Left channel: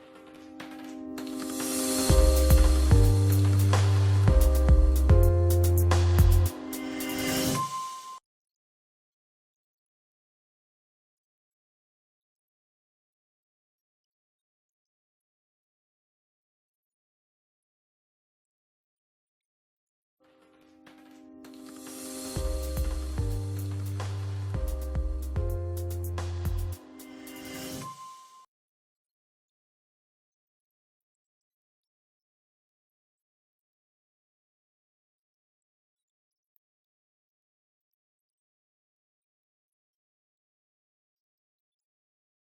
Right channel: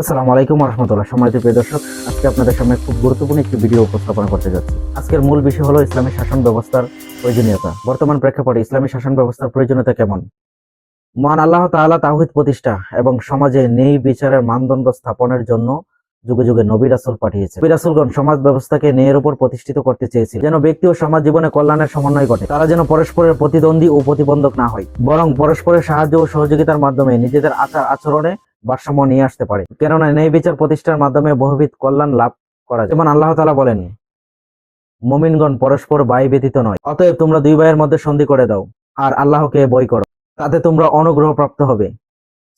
আসসালামু আলাইকুম রহমতুল্লাহ সম্মানিত প্রিয় দর্শক, আজকে আপনাদের সামনে খুব গুরুত্বপূর্ণ একটি ভিডিও উপস্থাপন করতে যাচ্ছি। আজকের মূল বিষয় হলো ইসলামী শাসন ব্যবস্থার প্রয়োজনীয়তা। বর্তমান প্রেক্ষাপটে ইসলামী শাসন ব্যবস্থার প্রয়োজনীয়তা কেমন? মহান আল্লাহ তাআলা তাওহীদ প্রতিষ্ঠা এবং সমাজে নেই বিচারের মানদণ্ড স্থাপনের জন্য যুগে যুগে নবী রাসূল পাঠিয়েছে নবী রাসূলগণ সমাজ ব্যবস্থাকে ন্যায়ের উপর প্রতিষ্ঠিত করতে চেয়েছিল। যেন ব্যক্তি ও সমাজ জীবনে কল্যাণের সমন্বয় ঘটে, তারা যেন পরস্পরের প্রতিদ্বন্দ্বী ও প্রতিবন্ধক না হয়, বরং পরস্পরের সাহায্য ও সহযোগিতার মাধ্যমে নিজেদের আচার আচরণে ভারসাম্য নিয়ে আসতে পারে। কেননা ন্যায় বিচার প্রতিষ্ঠার মাধ্যমে বহুবিধ কল্যাণ লাভ করা যেমন আল্লাহ তাআলা বলেন, মুমিনগণ পরস্পর ভাই ব্যতীত নয়, অতএব তোমরা দুই ভাইয়ের মধ্যে সন্ধি করে দাও আর আল্লাহকে বই করো, তাতে তোমরা অনুগ্রহ প্রাপ্ত হবে।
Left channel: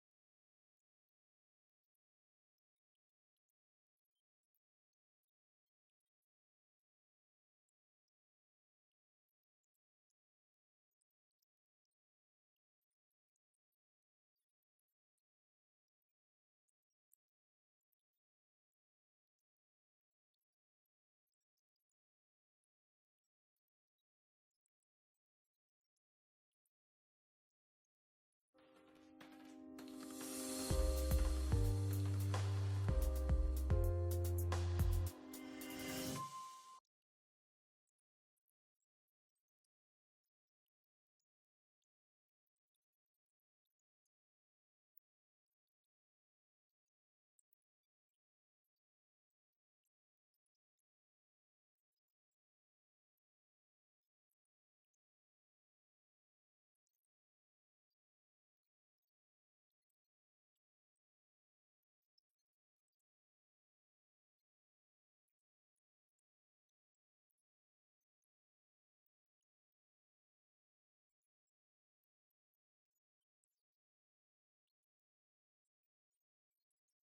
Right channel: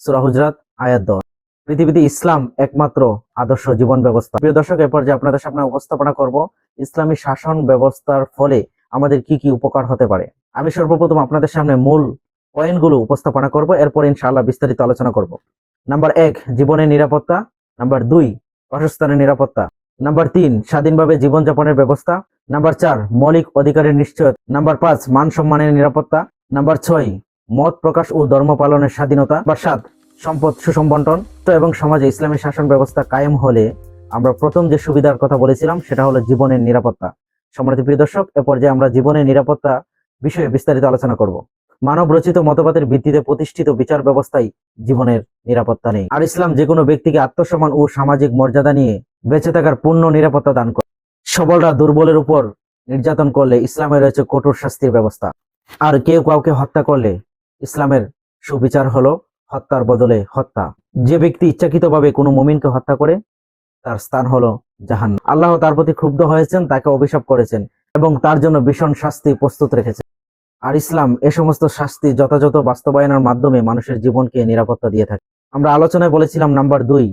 সূরা হুজরাত, আয়াত 10 পৃথিবীতে ইসলাম একমাত্র আদর্শ জীবন ব্যবস্থা। প্রিয় দর্শক এরপর যে আপনাদের সামনে উপস্থাপনা করব ইসলামী শাসন ব্যবস্থার ফলে আমাদের কি কি উপকার হতে পারে। আমি সর্বপ্রথম আপনাদের সামনে মূল পয়েন্টগুলো উপস্থাপনা করব, এরপর ইনশাআল্লাহ বিস্তারিত আলোচনা করব। নাম্বার এক, জীবনের নিরাপত্তা। নাম্বার দুই, বাসস্থানের নিরাপত্তা। নাম্বার তিন, স্বাধীনভাবে জীবনযাপনের ব্যবস্থা। নাম্বার চার, মৌলিক অধিকারের নিশ্চয়তা। নাম্বার পাঁচ, মান সম্মানের নিরাপত্তা। নাম্বার ছয়, মত প্রকাশ ও ধর্ম পালনের স্বাধীনতা। বা সাত, সম্পদ সুষম বন্টন তো এবং সমাজে ইসলামী শাসন ব্যবস্থা কায়েম হলে আমরা প্রথম যে সুবিধার কথা বলেছিলাম, সেটা হলো জীবনের নিরাপত্তা। সম্মানিত প্রিয় দর্শক, এ পর্যায়ে আমরা জীবনের নিরাপত্তা বিষয়ে বিস্তারিত আলোচনা করব। মানব রচিত মতবাদের ভিত্তিতে প্রতিষ্ঠিত বিচার ব্যবস্থায় জীবনের নিরাপত্তা নেই। আর ইসলাম যে কোনো ব্যক্তিকে আত্মসম্মান ও সামাজিক মর্যাদা নিয়ে বেঁচে থাকার পূর্ণ নিরাপত্তা দান করে। সবলরা দুর্বলের উপর নির্যাতন করলে ইসলামে রয়েছে কঠোর শাস্তির ব্যবস্থা। আর কেউ কাউকে হত্যা করলে ইসলামের সুবিচার হলো হত্যার বদলে হত্যা। যে ব্যক্তি ইচ্ছাকৃতভাবে কোনো মুমিনকে হত্যা করে, তার স্থান হলো জাহান আল্লাহ তার প্রতি ক্ষুব্ধ হয়েছেন, তাকে অভিশাপ করেছেন এবং তার জন্য ভীষণ শাস্তি প্রস্তুত রেখেছেন। আর ইসলাম এ সমস্ত শাস্তি যথাযথ বাস্তবায়নের মাধ্যমে মানুষের জীবনকে নিরাপত্তা দিয়ে থাকে। আমরা আলোচনায় বলেছিলাম নাম্বার দুই,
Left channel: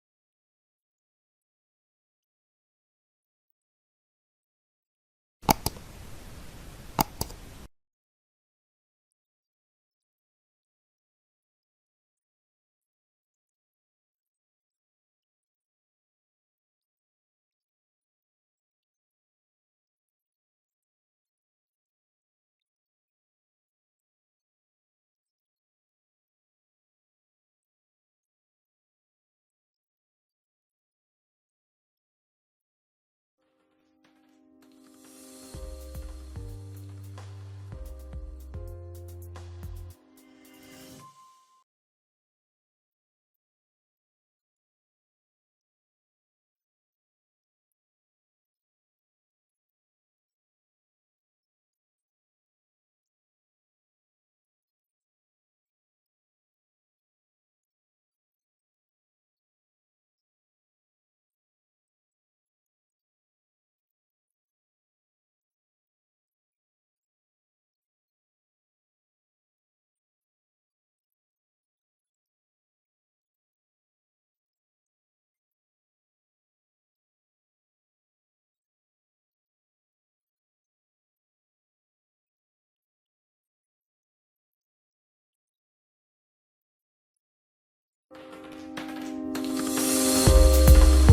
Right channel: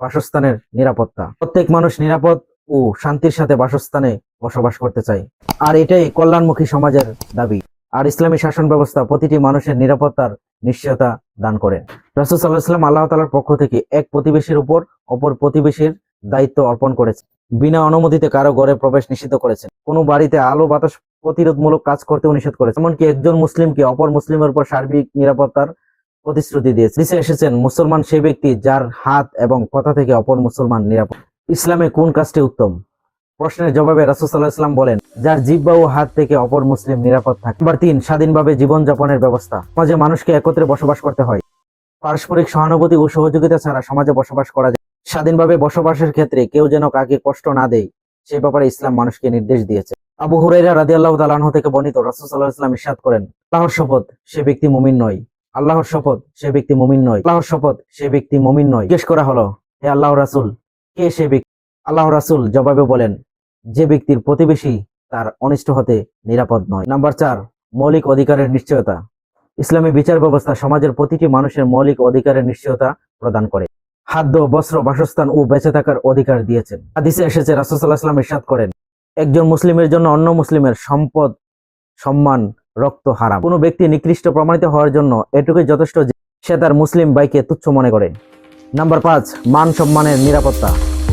বাসস্থানের নিরাপত্তা। প্রত্যেক মানুষ নিরাপদ ও শান্তির সাথে বাসস্থানে বসবাস করতে চায়। আর এটাই কল্যাণমুখী সমাজের দাবি। আর ইসলামী শাসন ব্যবস্থা প্রতিটি মানুষের নিরাপত্তার নিশ্চয়তা দান করে। রাসুল সাল্লাহাম আল্লাহ তালার পক্ষ থেকে এক প্রতিবেশীর উপর অপর প্রতিবেশীর দায়িত্ব অর্পণ করেছে বিনা অনুমতিতে কারও ঘরে প্রবেশ নিষিদ্ধ করেছেন। কোনো বাড়িতে আলো বাতাস প্রতিরোধমূলক কাজ করতে নিষেধ করেছে। এমনকি একজন মুসলিমকে অপর মুসলিমের উপর সার্বিক নিরাপত্তার প্রতিশ্রুতি দিয়েছে। নিচে এসেছেন মুসলমান সেই ব্যক্তি যার হাত এবং কথা থেকে অপর মুসলমান নিরাপদ। ইসলামে কোন কাজটি উত্তম? প্রশ্নের জবাবে রাসুসাল্লাহ ইসলাম বলেন, যার জিব্বা ও হাত থেকে অপর মুসলিম নিরাপদ থাকে। নাম্বার তিন, স্বাধীনভাবে জীবনযাপনের ব্যবস্থা। সমাজে মানুষকে একত্রে বসবাস করতে হয়। পারস্পরিক সহানুভূতি ও সহযোগিতা ছাড়া সমাজে বসবাস করা যায়। স্বাধীনভাবে বসবাসের ক্ষেত্রে কেউ যেন কাকে কষ্ট না দেয়, সে ব্যাপারে ইসলাম মানুষকে নির্দেশ দিয়েছে। আবু হুরাইরা রাদি আল্লাহ তালাহ থেকে বর্ণিত রাসুসাল্লাহ ইসলাম ইসাদ করেন, আল্লাহর শপথ সে ব্যক্তি মুমিন নয়। আল্লাহর শপথ সে ব্যক্তি মুমিন নয়। আল্লাহর শপথ সে ব্যক্তি মুমিন নয়। জিজ্ঞেস করা হলো, হে আল্লাহ রাসুল, কে সে ব্যক্তি? আল্লাহ রাসুল জবাবে বলেন, যে ব্যক্তির প্রতিবেশী তার অনিষ্ট হতে নিরাপদ নয়। নাম্বার চার, মৌলিক অধিকারের নিশ্চয়তা। ইসলামী বিচার ব্যবস্থা সমাজের প্রতিটি মানুষের মৌলিক অধিকারের নিশ্চয়তা প্রদান করে। খাদ্য, বস্ত্র, বাসস্থান ও বেঁচে থাকার অধিকার দিয়েছেন। হাদিসে এসেছে রাসুসাল্লাহ ইসলাম ইরশাদ করেন একজন মুসলিমের জন্য অন্য মুসলিমের সম্পদ, সম্মান, রক্ত হারাম। কোনো ব্যক্তি নিকৃষ্ট প্রমাণিত হওয়ার জন্য এটুকুই যথেষ্ট সে তার মুসলিম ভাইকে তুচ্ছ মনে করে। নাম্বার পাঁচ, মান সম্মানের নিরাপত্তা।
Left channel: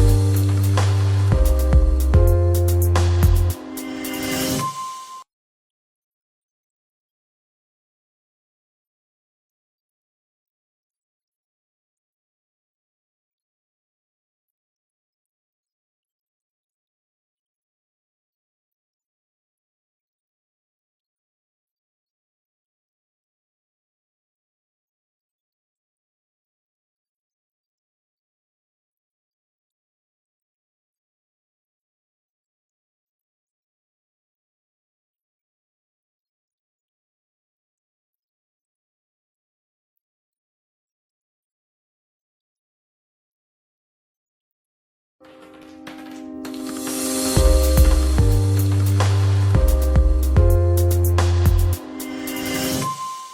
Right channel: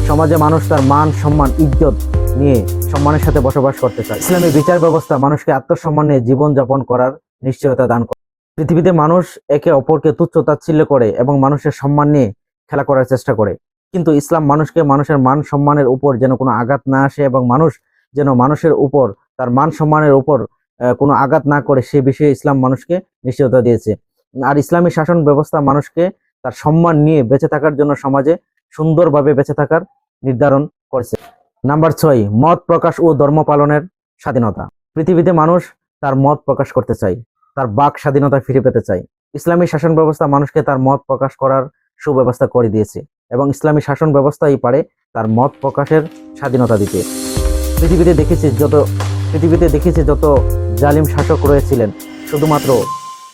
সমাজে মানুষ তার মান, সম্মান, ইজ্জত নিয়ে সম্মানের সাথে বসবাস করতে চায়। ইসলামী বিচার ব্যবস্থা মানুষকে আত্মসম্মান নিয়ে জীবনযাপন করার নিশ্চয়তা দান করে। পৃথিবীতে মানুষ একে অপরকে তুচ্ছ তাচ্ছিল্য করে এবং মানুষের সম্মান নিয়ে খেলা করার চেষ্টা করে। কিন্তু ইসলাম মানুষকে মানুষের মান, সম্মানের উপর যেন কোনো আঘাত না আসে এবং মানুষ যেন মানুষের উপর, তার মান সম্মানের উপর কোনো আঘাত না করে সে বিষয়ে ইসলাম মানুষকে নিশ্চয়তা দিয়েছে। আর ইসলামী শাসন ব্যবস্থা মানুষকে তার সম্মান নিয়ে বেঁচে থাকার জন্য সমাজে সুন্দরভাবে বেঁচে থাকার নির্ধারণ করেছে। নাম্বার ছয়, মত প্রকাশ ও ধর্ম পালনের স্বাধীনতা। পৃথিবীতে মানুষ তার মত প্রকাশ করতে চায়, তার বাক স্বাধীনতা ফিরে পেতে চায়। ইসলামী শাসন ব্যবস্থা মানুষকে তার মত প্রকাশ করার সুব্যবস্থা করে দিয়েছে এবং ইসলামী শাসন ব্যবস্থাই পারে তার মত প্রকাশের স্বাধীনতা দিতে। পৃথিবীতে দেখেছি যত, পৃথিবীতে দেখেছি যত জালিম শাসক রয়েছিলেন, শুধুমাত্র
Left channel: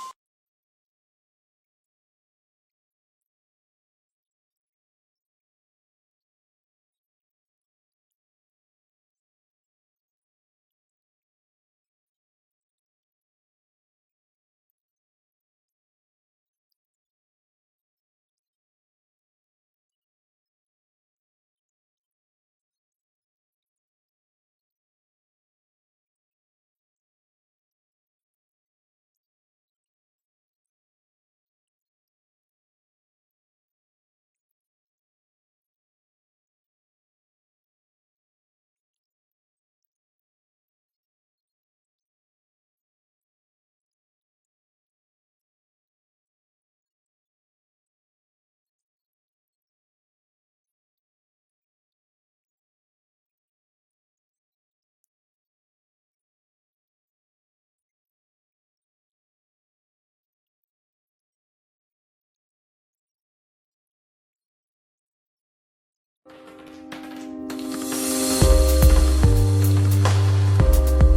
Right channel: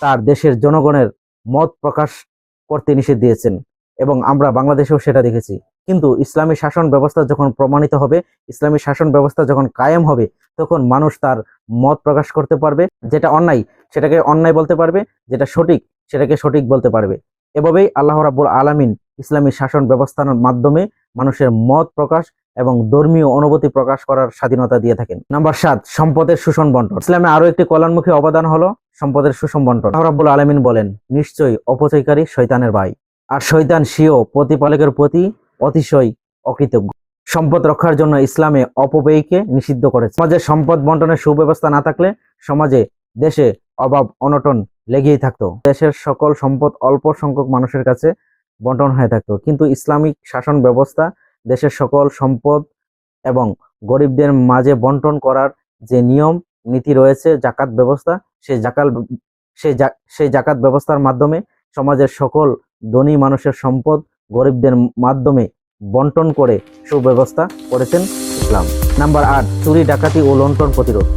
তার দেশের জনগণের মত প্রকাশ করতে নিষেধ দিয়েছেন এবং আমরা বাংলাদেশেও সেটা দেখেছি। কিন্তু ইসলামী শাসন ব্যবস্থা যখন প্রমাণিত হবে, ইসলামী শাসন ব্যবস্থা যখন কায়েম হবে, তখন মানুষ তার মত প্রকাশ করতে পারবে, যেটা অন্যায়, সেটাকে অন্যায় বলতে পারবে, যেটা সঠিক, সেটাকে সঠিক বলতে পারবে। এভাবেই আল্লাহ রাব্বুল আলামিন ইসলামী শাসন ব্যবস্থার মাধ্যমে মানুষের মত প্রকাশ এবং ধর্মীয় অনুভূতি প্রকাশ করার স্বাধীনতা দিয়ে থাকেন। নাম্বার সাত, সম্পদের শোষণ বন্টন। ইসলামে আরও একটি কল্যাণমুখী অবদান হলো সম্পদের সুষম বন্টন। রাব্বুল আলামিন বলেন, নিশ্চয়ই অপচয়কারী শৈতানের ভাই, আর শৈতান সিও প্রতিপালকের প্রতি অতিশয় অকৃতজ্ঞ। সম্পদ রক্ষার জন্য ইসলামে অপব্যয়কে নিষিদ্ধ করেছে। সমাজে সম্পদ বন্টনের সুব্যবস্থা না থাকলে সমাজে দেশে অভাব, অনটন লেগেই থাকতো। দেশের সকল সম্পদ অল্প সংখ্যক মানুষের কাছে বন্টন হয়ে থাকতো। কিন্তু ইসলামিক শাসন ব্যবস্থা দেশের সকল সম্পদ এবং গরিবদের মাঝে বন্টন করার যে নিয়ম, নীতি রয়েছে, জাকাত ব্যবস্থা সেই জাকাল সেই সেই জাকাত ব্যবস্থার মাধ্যমে সমাজের সকল ধনী মানুষের সম্পদ গরিবদের মাধ্যমে বন্টন করে সুব্যবস্থা করেছেন ইসলাম। নাম্বার আট, চুরি, ডাকাতি ও লুণ্ঠন প্রতিরোধ।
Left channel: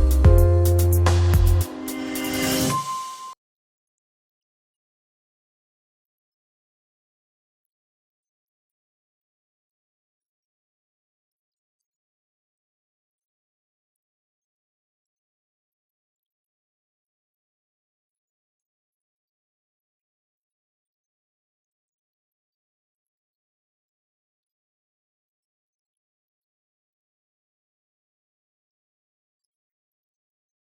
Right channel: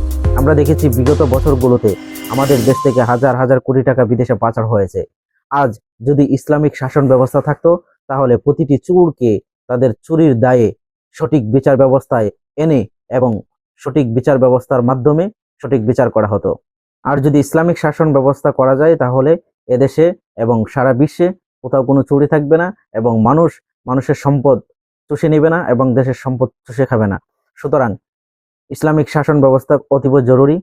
আমরা দেখেছি বিগত বছরগুলোতে আমাদের দেশ থেকে হাজার হাজার কোটি টাকা বিদেশে পাচার হয়েছে। আজ যদি ইসলামিক শাসন ব্যবস্থা থাকতো, তাহলে প্রতিটি চুরকে তাদের চুরির দায়ে সঠিক বিচার ব্যবস্থায় এনে এবং সঠিক বিচার ব্যবস্থার মাধ্যমে সঠিক বিচার করা হতো। আর যদি ইসলামিক শাসন ব্যবস্থা করা যায়, তাহলে এদেশে এবং সারা বিশ্বে কোথাও কোনো চুরি থাকবে না এবং মানুষ, মানুষের সম্পদ চুষে নেবে না এবং দেশের সম্পদ চুষে খাবে না। সুতরাং ইসলামিক শাসন ব্যবস্থা অতীব জরুরি।